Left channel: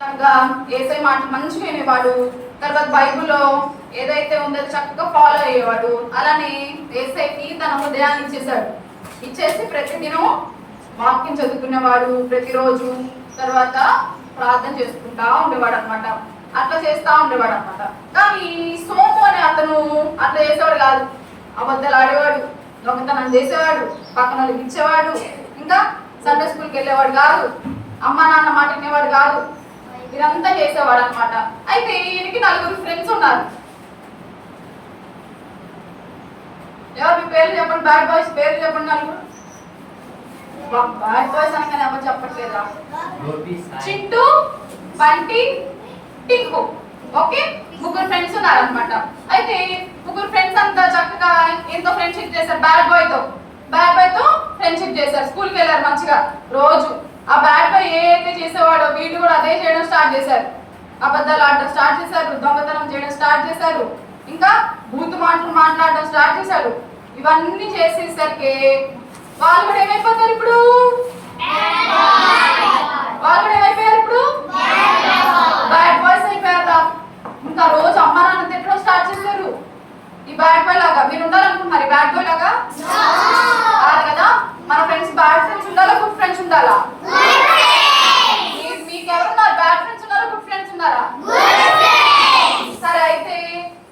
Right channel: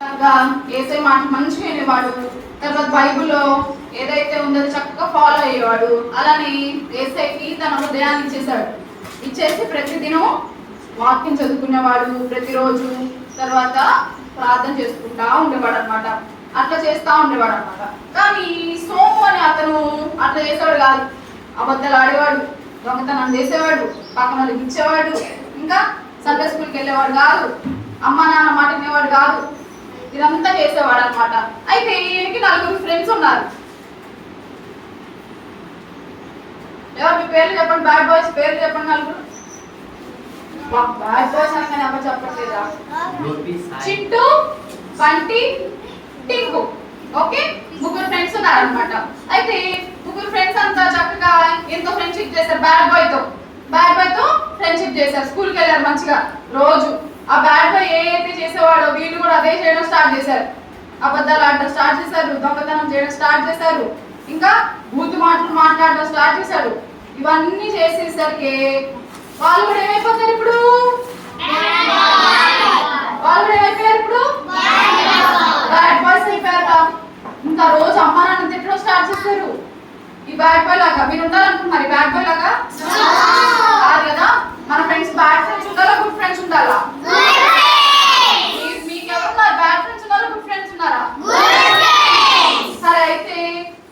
ఏసై మాట మంచిగా వినేవాడు. తర్వాత బైబిల్లో ఏదైతే ఉందో చక్కగా ఫాలో అయ్యేవాడు. అలానే ఏసైకి తన హృదయాన్ని ఇచ్చేసాడు. ఇచ్చేసి ప్రతిదినం వాక్యం చదువుకునేవాడు ప్రతిరోజు. తర్వాత ప్రార్థన చేసుకుంటా ఉండేవాడు అనమాట. అట్లా చేస్తా ఉండేవాడు అనమాట. కానీ సోము అని అతను అట్లా చేసేవాడు కాదు. అబద్ధాలు ఆడేవాడు, దొంగతనం చేసేవాడు, పక్కన వాళ్ళకి ఇచ్చేవాడు, ఇంకా సండే స్కూల్కి వెళ్ళేవాడు కాదు, అమ్మా నాన్న మాట వినేవాడు కాదు. ఇదంతా చేసేవాడు అనమాట. అయితే ఈయనకి 4 ఫ్రెండ్స్ ఉన్నారు. ఎవరు మీ పేర్లు చెప్పండి, బ్యాడ్ బాయ్స్ పేర్లు చెప్పండి. 4 బ్యాడ్ బాయ్స్ అనగానే ఎవరు చెప్పట్లేదా? చింటూ, బంటి, టింకు. ఓకే, 3 ఫ్రెండ్స్ ఉన్నారు అనమాట. అయితే 3 ఫ్రెండ్స్ అంతా చక్కగా ఎంతో ఫ్రెండ్షిప్ చేశారు. బ్యాడ్ బాయ్ తో ఫ్రెండ్షిప్ చేశారు. స్కూల్కి వెళ్ళారు మంచిగా రోజు. ఆ బ్యాడ్ బాయ్ ఏదైతే చేసేవాడో వీళ్ళు కూడా అదే చేయడం స్టార్ట్ చేశారు. అబద్ధాలు ఆడటం స్టార్ట్ చేశారు, దొంగతనం చేయడం స్టార్ట్ చేశారు, ఇంకా బూతు మాటలు మాట్లాడడం స్టార్ట్ చేశారు. ఇవన్నీ చేసేసరికి వాళ్ళు కూడా ఏమైపోతారు ఇప్పుడు? బ్యాడ్ బాయ్స్ అయిపోయారు. ఇంకా రోజు అమ్మ నాన్న తిట్టడం స్టార్ట్ చేశారు. ఈ బ్యాడ్ బాయ్ లాగా మీరు ఉండాలనుకుంటున్నారు? ఈ బ్యాడ్ బాయ్ లాగా కాదు కదా. మన ఫ్రెండ్స్ బ్యాడ్ ఫ్రెండ్స్ ఉండాలా, గుడ్ ఫ్రెండ్స్ ఉండాలా? మీకు ఎవరున్నారు? బ్యాడ్ ఫ్రెండ్స్ ఉన్నారా, గుడ్ ఫ్రెండ్స్ ఉన్నారా? సరే, అయితే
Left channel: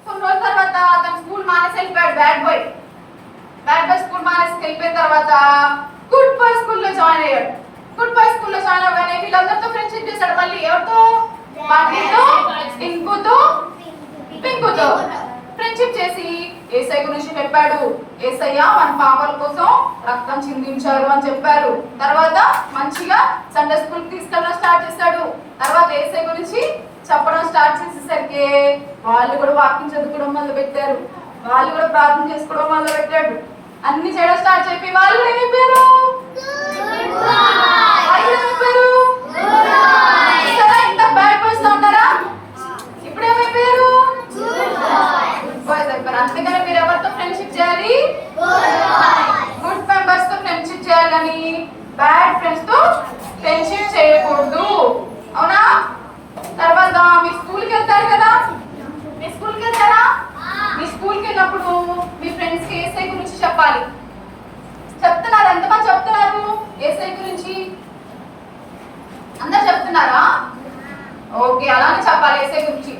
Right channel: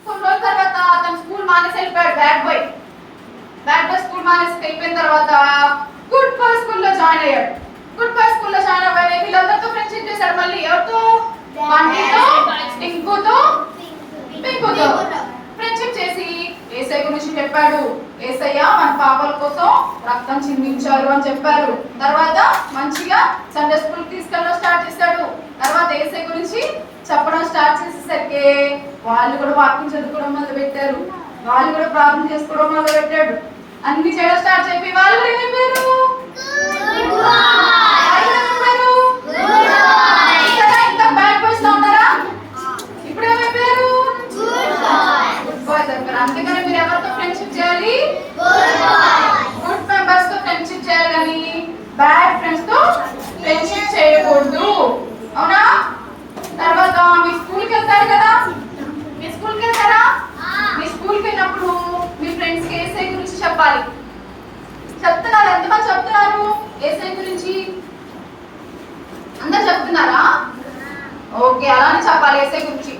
కొన్ని రోజుల తర్వాత అతను స్కూల్ మానేసి వెళ్ళిపోయాడు. బ్యాడ్ బాయ్ స్కూల్ మానేసి వెళ్ళిపోయిన తర్వాత గుడ్ బాయ్ స్కూల్లో జాయిన్ అయ్యాడు. గుడ్ బాయ్ స్కూల్లో జాయిన్ అవ్వగానే వీళ్ళందరితో ఫ్రెండ్షిప్ చేశాడు. మళ్ళీ ఎవరితో? బండితో, టింకుతో, పింకుతో ఫ్రెండ్షిప్ చేసి ఏసై గురించి చెప్పాడు. ఏసయ్య మన పాపాల కోసం రక్తం చిందించారు అని చెప్పారు. తర్వాత మంచిగా సండే స్కూల్ తీసుకెళ్ళడం స్టార్ట్ చేశాడు. తర్వాత ఏసై గురించి చెప్పడం స్టార్ట్ చేసేసరికి వాళ్ళు కూడా వాక్యం చదువుకోవడం మొదలు పెట్టారు. వాళ్ళు కూడా ప్రార్థన చేసుకోవడం మొదలు పెట్టాడు. అన్ని చేయడం స్టార్ట్ చెప్పి వాళ్ళు కూడా ఏమైపోయారు? ఇంత బ్యాడ్ బాయ్స్ లో ఉన్నారా? ఇప్పుడు ఏమైపోయారు? బాయ్స్ అయిపోయారు. అందుకని మీరు ఎవరితో ఫ్రెండ్షిప్ చేయాలి? గుడ్ మెంబర్స్ తో ఫ్రెండ్షిప్ చేయాలని, బ్యాడ్ ఫ్రెండ్స్ తో ఫ్రెండ్షిప్ చేయకూడదు. అవునా? తర్వాత మీ స్కూల్కి వెళ్తారు కదా, మీ స్కూల్కి వెళ్తారా? మీ స్కూల్కి వెళ్ళినప్పుడు మీ ఫ్రెండ్స్ కి ఏసై గురించి చెప్పాలి. చెప్తున్నారు? ఎంతమంది చెప్తున్నారు ఏసై గురించి? అందరు చెప్తున్నారా? ఓకే, అలానే చెప్పాలి ఏసై గురించి.